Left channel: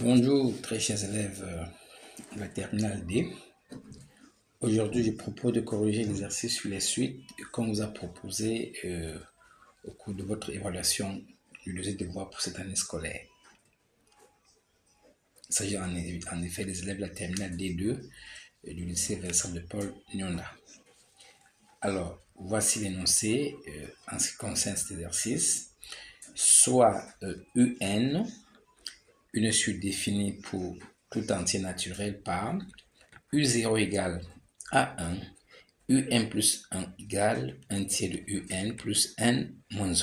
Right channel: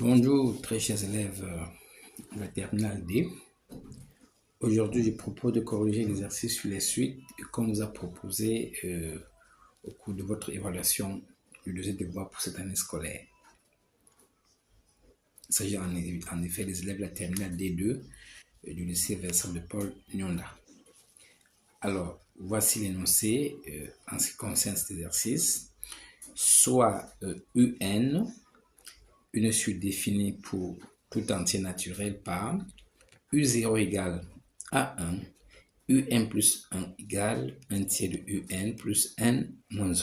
Bonjour très chers élèves de la terminale D. Aujourd'hui, je propose de corriger l'exercice sur les suites qu'on vous a proposé au cours de votre évaluation du deuxième devoir pour cette année scolaire. Il s'agit en effet des élèves de la terminale D2 du lycée Vincent de Paul Nyonda. Alors, voici l'énoncé en ce qui concerne cet exercice. Soit UN, une suite définie pour tout entier naturel par U0 égale A1, UN plus 1 égale 1 tiers de UN plus N moins 1.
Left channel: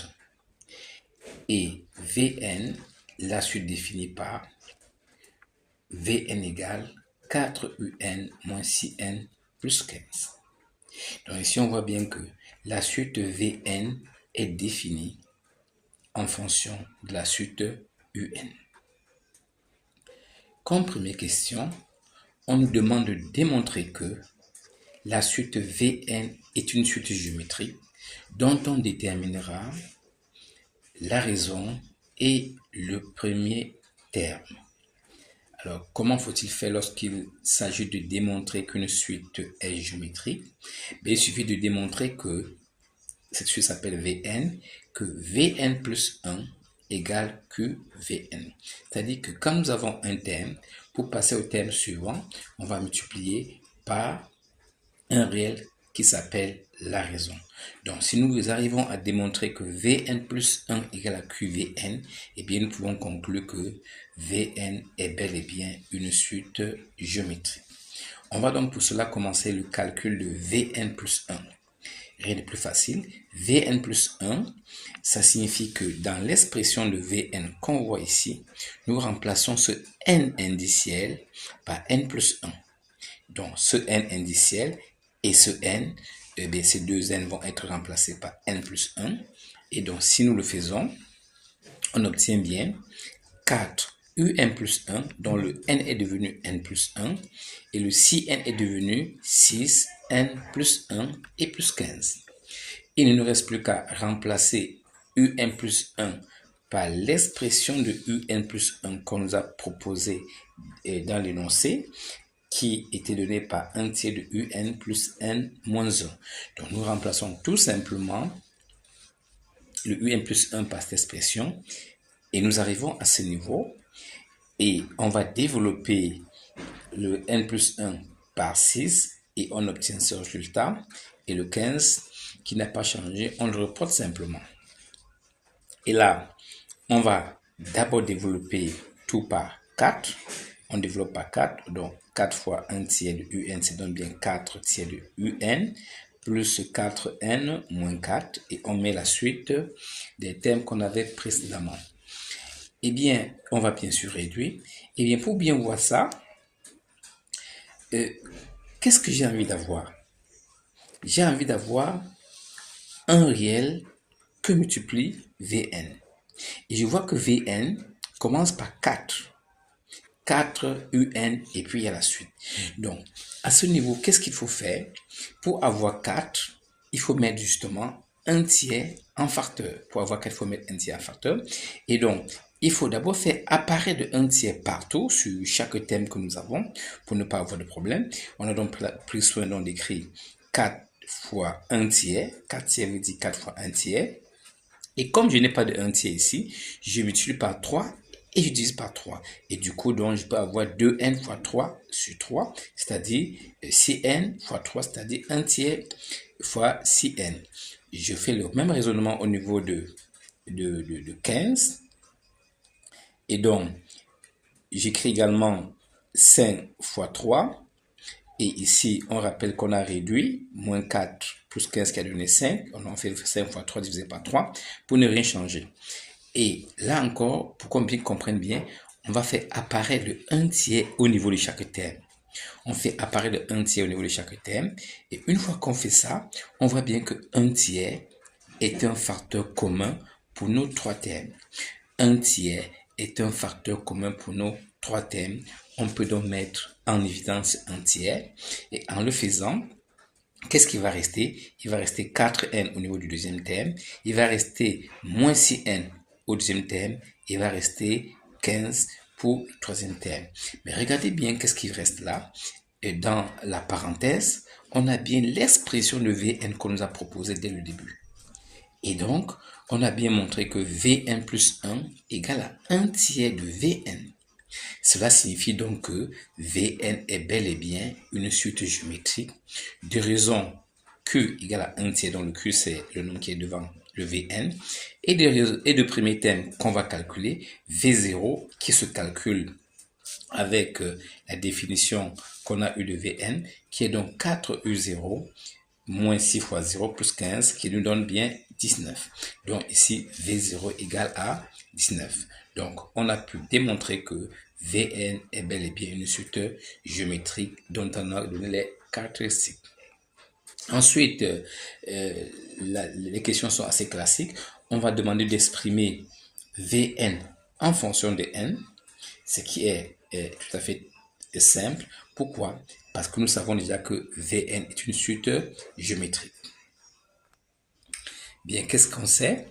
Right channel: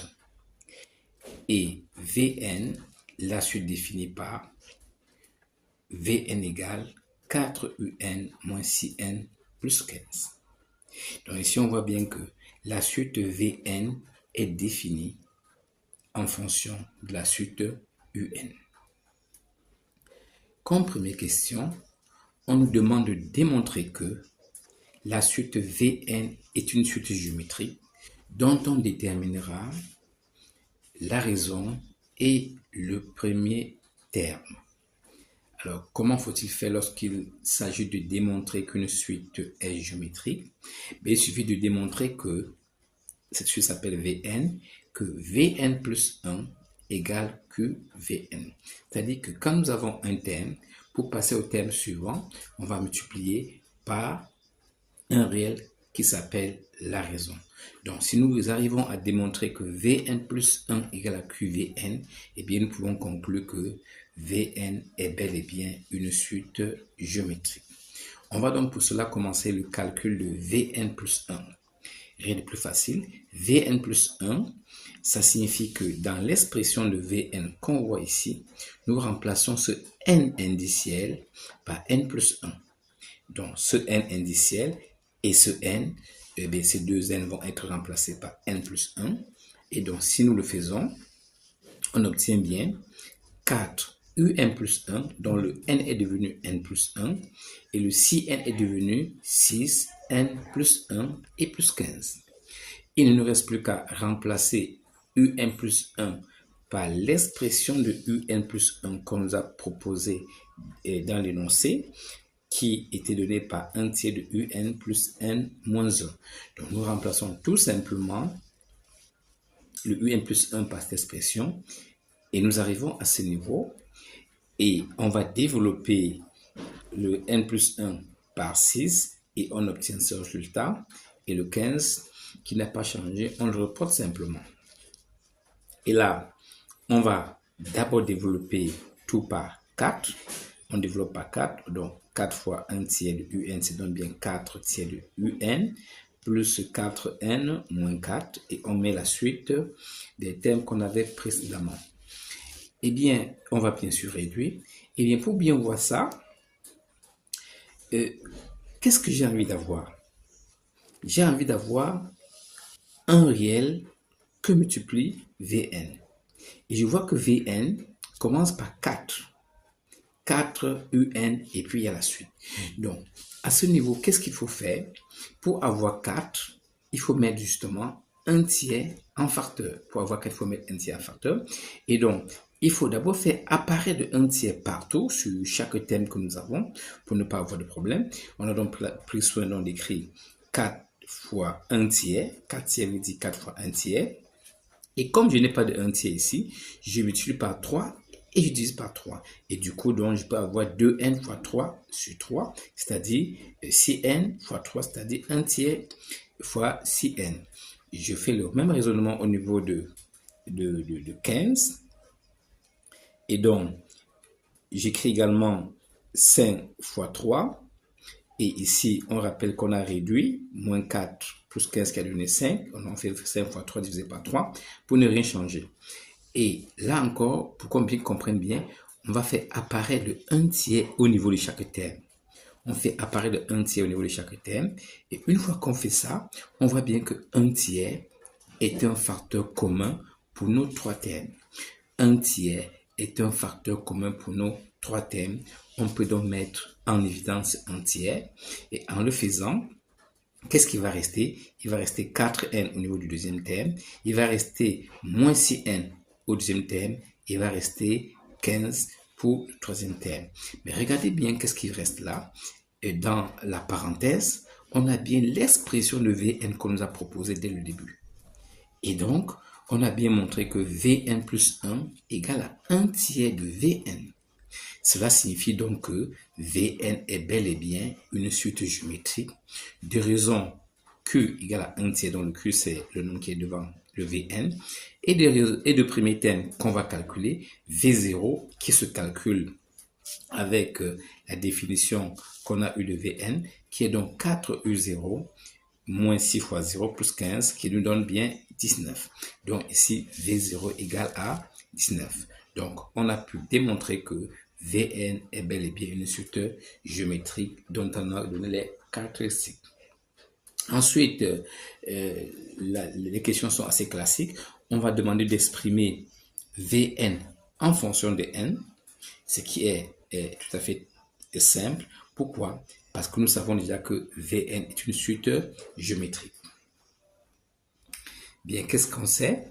Et Vn, la suite définie par Vn égale 4UN moins 6N plus 15. Donc ici, on voit bien que la suite Vn est définie en fonction de la suite UN. Comme première question, on nous demande de démontrer que la suite Vn est une suite géométrique dont on déterminera la raison et le premier terme. Alors, comment faut-il faire lorsqu'il s'agit de démontrer qu'une suite est géométrique? Il suffit de démontrer que cette suite s'appelle Vn, que Vn plus 1 égale QVn. C'est-à-dire que quand nous avons un terme, pour passer au terme suivant, on va multiplier par un réel qui s'appelle la raison. Donc, si nous arrivons à démontrer que Vn plus 1 égale à QVn, eh bien, nous pouvons conclure que Vn est bel et bien une suite géométrique. On va donc pour cela commencer le calcul de Vn plus 1. Rien de plus facile. Vn plus 1, ça signifie que dans l'expression de Vn qu'on voit ici, nous remplaçons ce n indiciel par n plus 1. Donc, ce n indiciel et ce n, eh bien, ces deux n vont être remplacés par n plus 1. Et donc, si nous le faisons, on obtient bien 4 un plus 1, dont le n est devenu n plus 1, et le 6n est devenu 6n plus 1 et plus 15. Il ne nous reste plus qu'à remplacer un plus 1 par l'expression de un plus 1 qu'on nous a proposé dans l'énoncé, qui était donné par 1 tiers de un plus n moins 1. Donc nous remplaçons tout simplement le un plus 1 par cette expression, et nous arrivons à ce niveau, et on va développer le n plus 1 par 6, et on obtient ce résultat, et le 15 qui n'a pas changé, on le reporte simplement. Et là, on va d'abord développer tout par 4. On développe par 4, donc 4 fois 1 tiers de un, ça donne bien 4 tiers de un, plus 4n moins 4, et on met la suite des termes qu'on avait précédemment. Eh bien, on va bien sûr réduire. Eh bien, pour bien voir ça, qu'est-ce que j'ai envie d'avoir? J'ai envie d'avoir un réel que multiplie Vn. Et je vois que Vn commence par 4. 4 un, et puis il y a la suite. Donc, à ce niveau, qu'est-ce qu'il faut faire? Pour avoir 4, il faut mettre justement un tiers en facteur. Pour avoir 4, il faut mettre un tiers en facteur. Et donc, il faut d'abord faire apparaître de 1 tiers partout sur chaque thème que nous avons pour ne pas avoir de problème. On a donc pris soin d'écrire 4 fois 1 tiers. 4 tiers veut dire 4 fois 1 tiers. Et comme je n'ai pas de 1 tiers ici, je multiplie par 3 et je divise par 3. Et du coup, donc, je peux avoir 2n fois 3 sur 3, c'est-à-dire 6n fois 3, c'est-à-dire 1 tiers fois 6n. Je fais le même raisonnement au niveau de 15. Et donc, j'écris également 5 fois 3. Et ici, on rappelle qu'on a réduit, moins 4 plus 15 qui a donné 5. On en fait 5 fois 3 divisé par 3 pour ne rien changer. Et là encore, pour qu'on bien comprenne bien, on va faire apparaître le 1 tiers au niveau de chaque terme. On fait apparaître le 1 tiers au niveau de chaque terme. Et une fois qu'on fait ça, on voit bien que 1 tiers est un facteur commun pour nos 3 termes. 1 tiers est un facteur commun pour nos 3 termes. On peut donc mettre en évidence 1 tiers. Et en le faisant, qu'est-ce qui va rester? Il va rester 4n au niveau du deuxième terme. Il va rester moins 6n au deuxième terme. Il va rester 15 pour le troisième terme. Mais regardez bien qu'est-ce qui reste là. Et dans la parenthèse, on a bien l'expression de Vn qu'on nous a proposée dès le début. Et donc, on a bien montré que Vn plus 1 égale à 1 tiers de Vn. Cela signifie donc que Vn est bel et bien une suite géométrique de raison Q égale à 1 tiers, dont le Q c'est le nombre qui est devant le Vn, et de premier terme qu'on va calculer, V0 qui se calcule avec la définition qu'on a eue de Vn, qui est donc 4U0 moins 6 fois 0 plus 15, qui nous donne bien 19. Donc ici, V0 égale à 19. Donc on a pu démontrer que Vn est bel et bien une suite géométrique dont on a donné les caractéristiques. Ensuite, les questions sont assez classiques. On va demander d'exprimer Vn en fonction de n, ce qui est tout à fait simple. Pourquoi? Parce que nous savons déjà que Vn est une suite géométrique. Bien, qu'est-ce qu'on sait?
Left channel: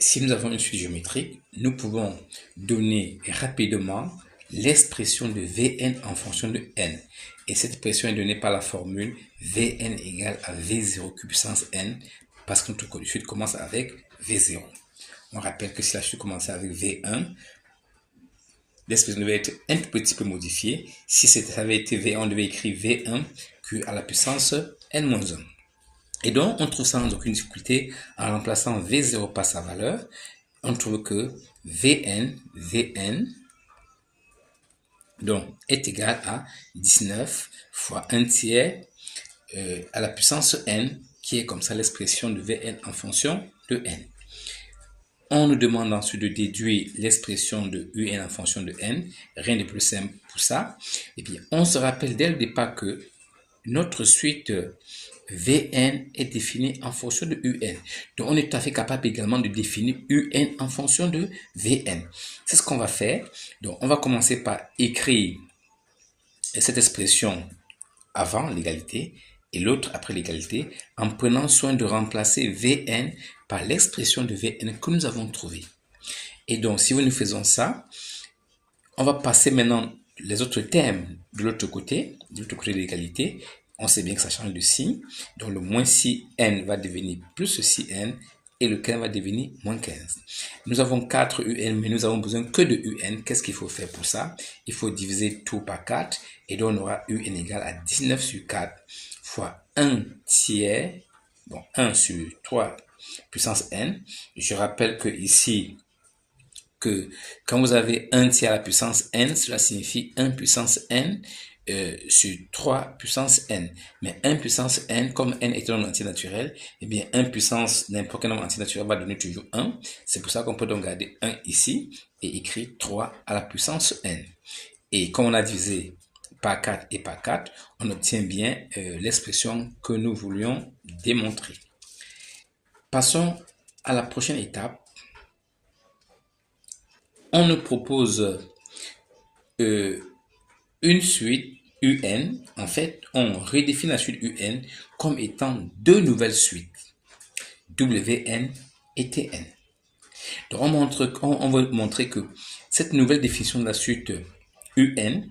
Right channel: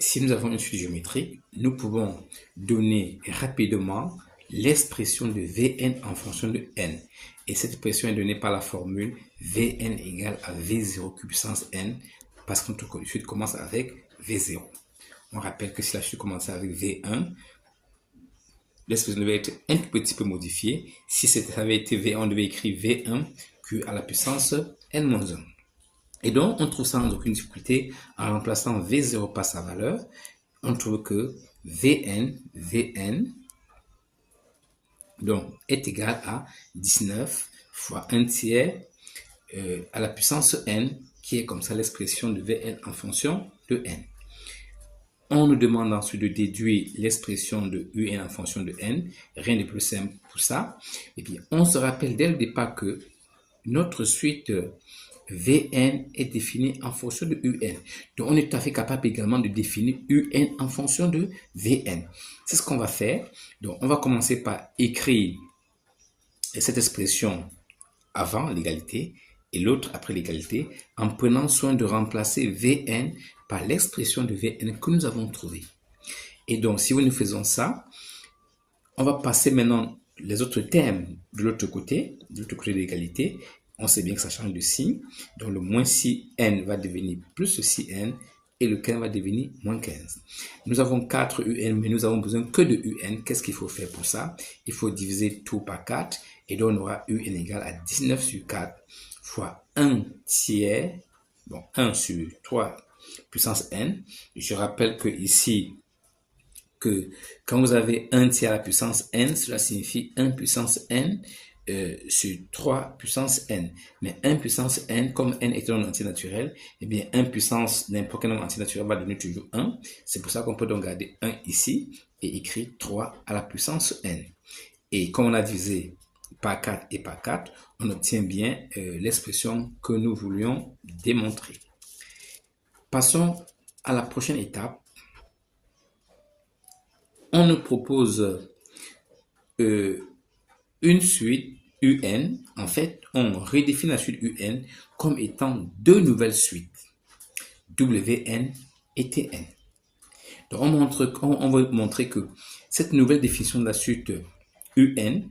Si nous avons une suite géométrique, nous pouvons donner rapidement l'expression de Vn en fonction de n. Et cette expression est donnée par la formule Vn égale à V0 puissance n, parce que notre suite commence avec V0. On rappelle que si la suite commençait avec V1, l'expression devait être un petit peu modifiée. Si ça avait été V1, on devait écrire V1 Q à la puissance n-1. Et donc, on trouve ça sans aucune difficulté en remplaçant V0 par sa valeur. On trouve que Vn donc, est égal à 19 fois 1 tiers à la puissance n, qui est comme ça l'expression de Vn en fonction de n. On nous demande ensuite de déduire l'expression de Un en fonction de n. Rien de plus simple pour ça. Et puis, on se rappelle dès le départ que notre suite Vn est définie en fonction de Un. Donc, on est tout à fait capable également de définir Un en fonction de Vn. C'est ce qu'on va faire. Donc, on va commencer par écrire cette expression avant l'égalité et l'autre après l'égalité, en prenant soin de remplacer Vn par l'expression de Vn que nous avons trouvée. Et donc, si nous faisons ça, on va passer maintenant les autres termes de l'autre côté de l'égalité. On sait bien que ça change de signe. Donc, le moins 6n va devenir plus 6n et le 15 va devenir moins 15. Nous avons 4 un, mais nous avons besoin que de un. Qu'est-ce qu'il faut faire pour ça? Il faut diviser tout par 4 et donc on aura un égale à 19 sur 4 fois 1 tiers, donc 1 sur 3 puissance n. Je rappelle que ici, que quand vous avez 1 tiers à la puissance n, cela signifie 1 puissance n sur 3 puissance n. Mais 1 puissance n, comme n est un nombre entier naturel, eh bien 1 puissance n'importe quel nombre entier naturel va donner toujours 1. C'est pour ça qu'on peut donc garder 1 ici et écrire 3 à la puissance n. Et comme on a divisé par 4 et par 4, on obtient bien l'expression que nous voulions démontrer. Passons à la prochaine étape. On nous propose une suite Un. En fait, on redéfinit la suite Un comme étant deux nouvelles suites, Wn et Tn. Donc, on va montrer que cette nouvelle définition de la suite Un,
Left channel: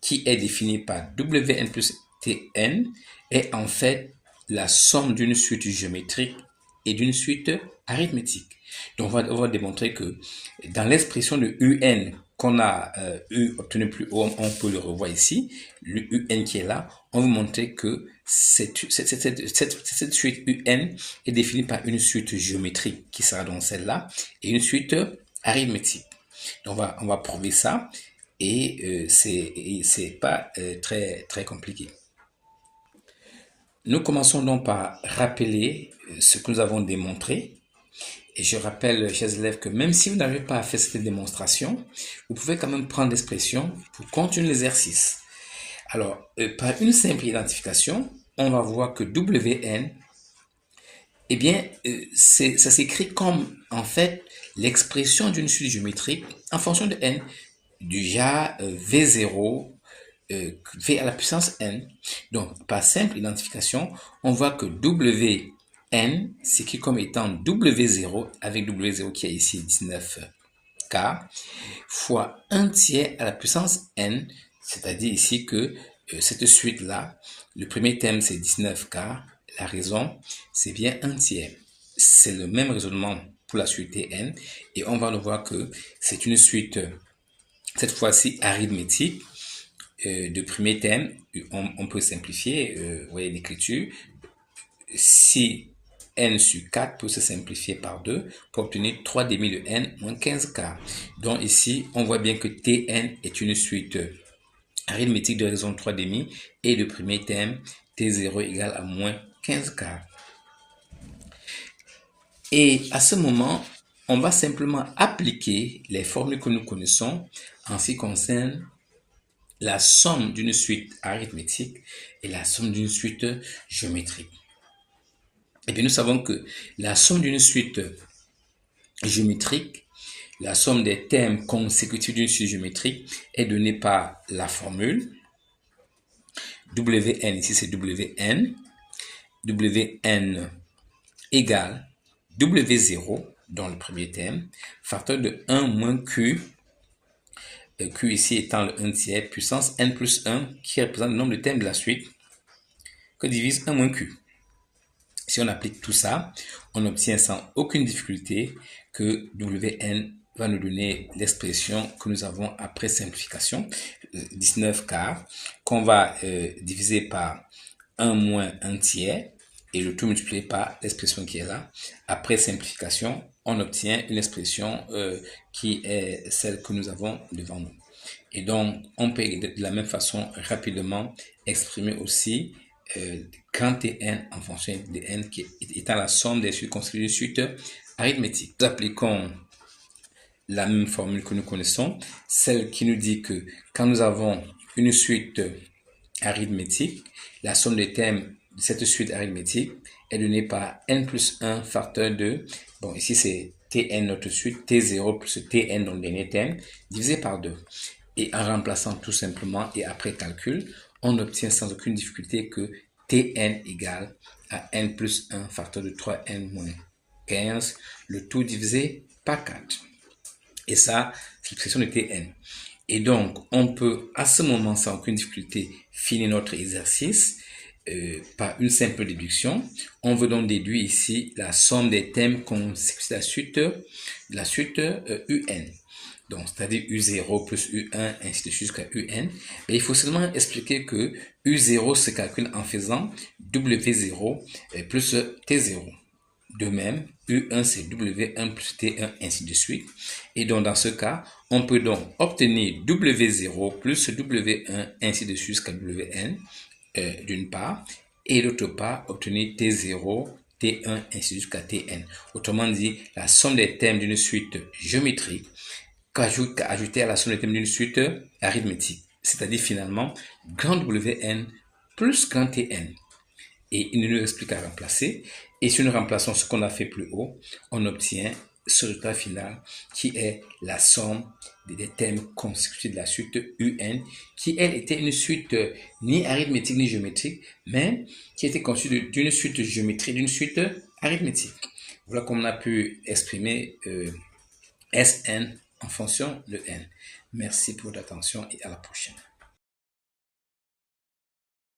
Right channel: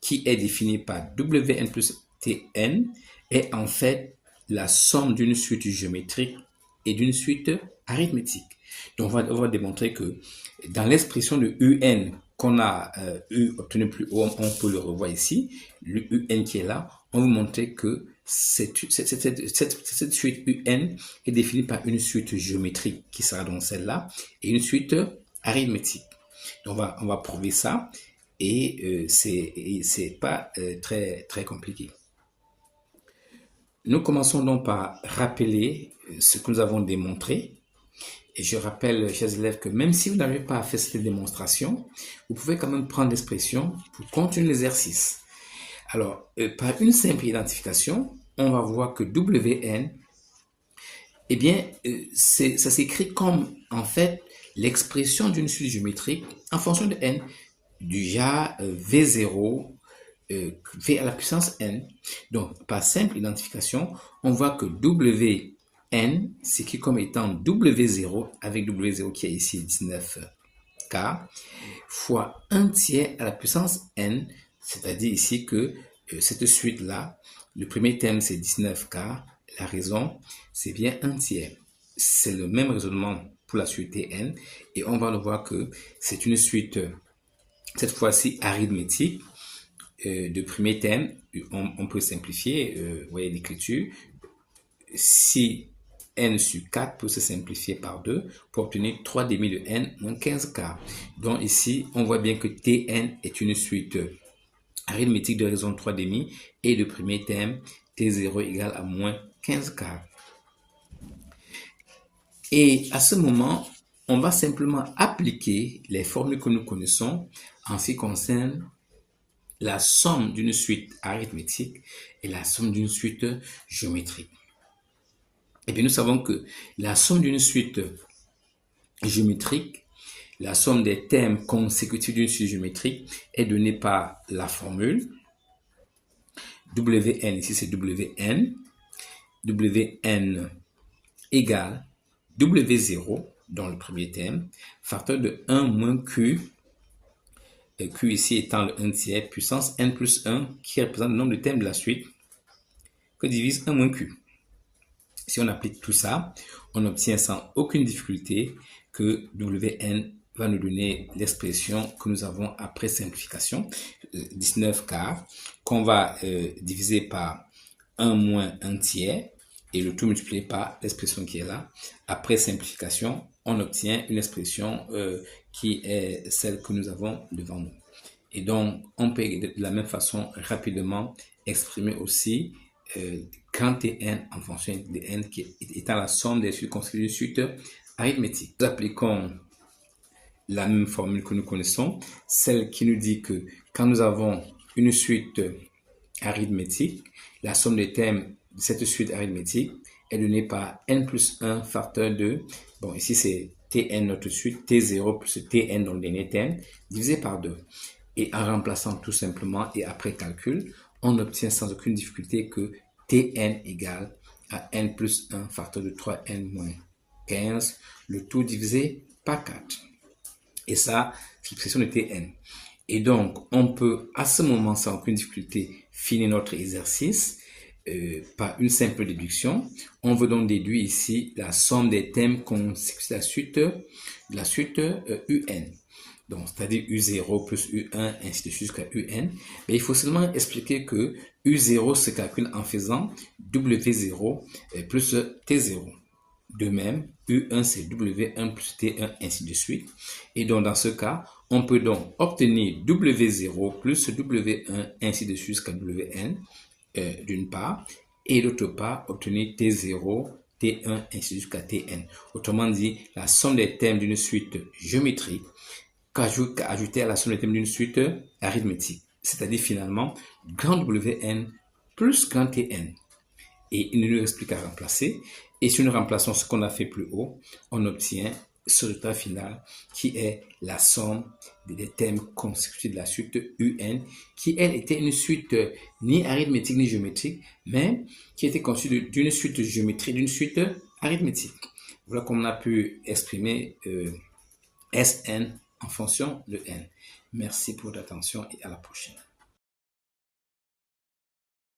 qui est définie par Wn plus Tn, est en fait la somme d'une suite géométrique et d'une suite arithmétique. Donc, on va démontrer que dans l'expression de Un qu'on a obtenu plus haut, on peut le revoir ici, le Un qui est là, on va montrer que cette suite Un est définie par une suite géométrique qui sera donc celle-là et une suite arithmétique. Donc, on va prouver ça et c'est pas très, très compliqué. Nous commençons donc par rappeler ce que nous avons démontré. Et je rappelle, chers élèves, que même si vous n'arrivez pas à faire cette démonstration, vous pouvez quand même prendre l'expression pour continuer l'exercice. Alors, par une simple identification, on va voir que Wn, eh bien, ça s'écrit comme, en fait, l'expression d'une suite géométrique en fonction de n, du genre V0, V à la puissance n. Donc, par simple identification, on voit que Wn s'écrit comme étant W0 avec W0 qui est ici 19K fois 1 tiers à la puissance n, c'est-à-dire ici que cette suite-là, le premier terme c'est 19 quarts, la raison c'est bien 1 tiers. C'est le même raisonnement pour la suite Tn et on va le voir que c'est une suite, cette fois-ci arithmétique, de premier terme. On peut simplifier, vous voyez l'écriture, si n sur 4 peut se simplifier par 2 pour obtenir 3 demi de n moins 15 quarts. Donc ici, on voit bien que Tn est une suite arithmétique de raison 3 demi et le premier terme T0 égale à moins 15 quarts. Et à ce moment, on va simplement appliquer les formules que nous connaissons en ce qui concerne la somme d'une suite arithmétique et la somme d'une suite géométrique. Et bien, nous savons que la somme d'une suite géométrique, la somme des termes consécutifs d'une suite géométrique est donnée par la formule Wn, ici c'est Wn, Wn égale W0 dans le premier terme, facteur de 1 moins Q, Q ici étant le 1 tiers, puissance n plus 1 qui représente le nombre de termes de la suite, que divise 1 moins Q. Si on applique tout ça, on obtient sans aucune difficulté que Wn va nous donner l'expression que nous avons après simplification, 19 quarts, qu'on va diviser par 1 moins 1 tiers, et le tout multiplié par l'expression qui est là. Après simplification, on obtient une expression qui est celle que nous avons devant nous. Et donc, on peut de la même façon rapidement exprimer aussi grand Tn en fonction de n qui étant la somme des suites constituées d'une suite arithmétique. Nous appliquons la même formule que nous connaissons, celle qui nous dit que quand nous avons une suite arithmétique, la somme des termes de cette suite arithmétique est donnée par n plus 1 facteur de, bon ici c'est Tn notre suite, T0 plus Tn dans le dernier terme, divisé par 2. Et en remplaçant tout simplement et après calcul, on obtient sans aucune difficulté que Tn égale à n plus 1 facteur de 3n moins 15, le tout divisé par 4. Et ça, c'est l'expression de Tn. Et donc, on peut à ce moment sans aucune difficulté finir notre exercice par une simple déduction. On veut donc déduire ici la somme des termes consécutifs de la suite Un. Donc, c'est-à-dire U0 plus U1, ainsi de suite jusqu'à UN. Mais il faut seulement expliquer que U0 se calcule en faisant W0 plus T0. De même, U1 c'est W1 plus T1, ainsi de suite. Et donc, dans ce cas, on peut donc obtenir W0 plus W1, ainsi de suite jusqu'à Wn, d'une part, et d'autre part, obtenir T0, T1, ainsi de suite jusqu'à Tn. Autrement dit, la somme des termes d'une suite géométrique qu'ajouter à la somme des termes d'une suite arithmétique, c'est-à-dire finalement grand Wn plus grand Tn. Et il nous explique à remplacer. Et si nous remplaçons ce qu'on a fait plus haut, on obtient ce résultat final qui est la somme des termes consécutifs de la suite Un, qui elle était une suite ni arithmétique ni géométrique, mais qui était constituée d'une suite géométrique, d'une suite arithmétique. Voilà comment on a pu exprimer Sn en fonction de n. Merci pour votre attention et à la prochaine.